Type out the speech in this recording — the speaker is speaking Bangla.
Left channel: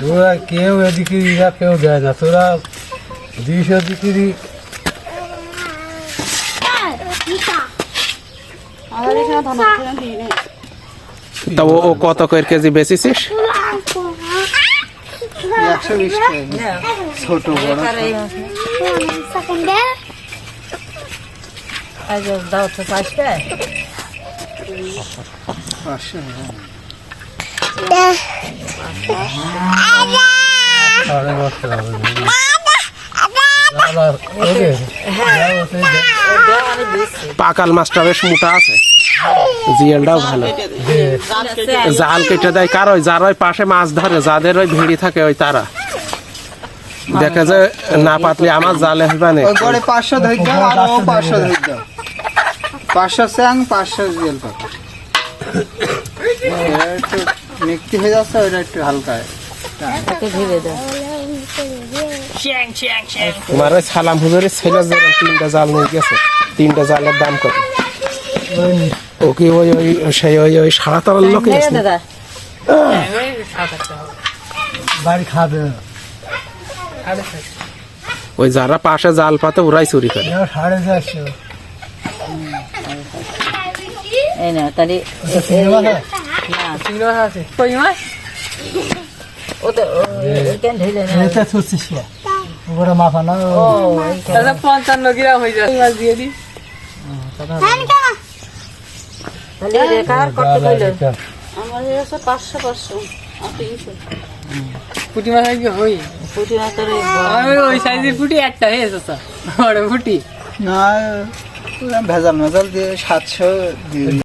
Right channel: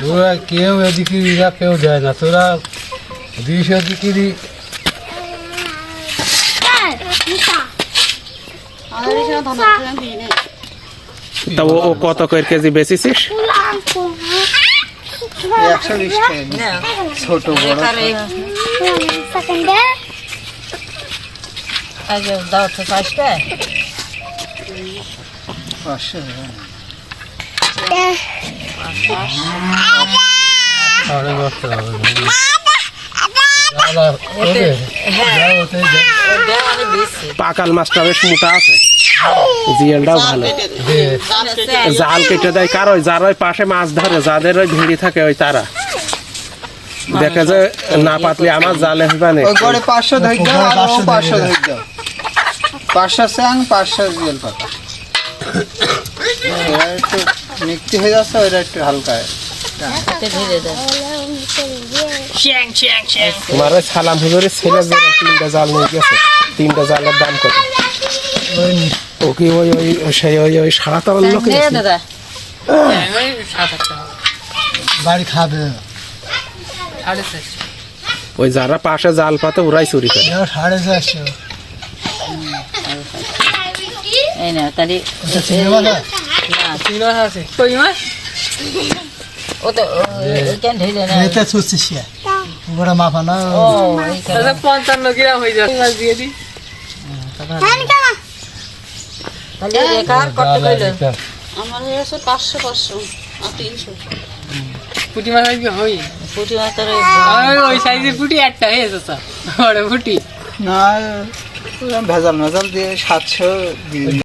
তোরা কেউ এদিকে ইরা কেউ যায় না। তোরা দিই না তা ও ও কত করে কেজি বেচিছিস? একশো বিশ ছোট বড় দাও তো পাঁচটা। পাঁচশো। সাড়ে হবে। পাকাল মাছটা বেশ মোটা আছে। জিয়ালটাও ভালো। জাল কেটে দেয়। কার ওই যার ওই পাশে মাছ ধরে যাদের ওই ভিড়ি থাকে ওই তারা। দেখে যে না পাতলে আমার জালে হইবা না পাঁচশো ধরে দাও আর পাঁচশো ধরে দাও পাঁচশো স্যাং পাঁচশো জেল পাতা এরা একটু মিক্সি হয়ে যাচ্ছে ওইটা একটু হালকা তোমার ওই সালাম হুজুরের ছেলে যেরকম তিনটা জাল নিয়ে গেছে তিনটা জালের দাম কত? ও কি ওই ওই সেই ওই ওই সাত আবার লোক বাড়ি খাবে ওই যারা পাশে জাল পাতে ওরাই চুরি করে। সাড়ে চারশো এই না তাহলে ও তো কেন ধীরে না? এইটা ছুটছিস উপরে মাপা না? ও করে। তাহলে রেখার কত কইলো? আমার আর পুটি মাছ আজকে হই পুটি না তোর ওই সাইজের পুটি একটা হয়েছে স্যার। বড় পুটি। না ভেজাল মেজাল দিয়ে সাতশো দিয়ে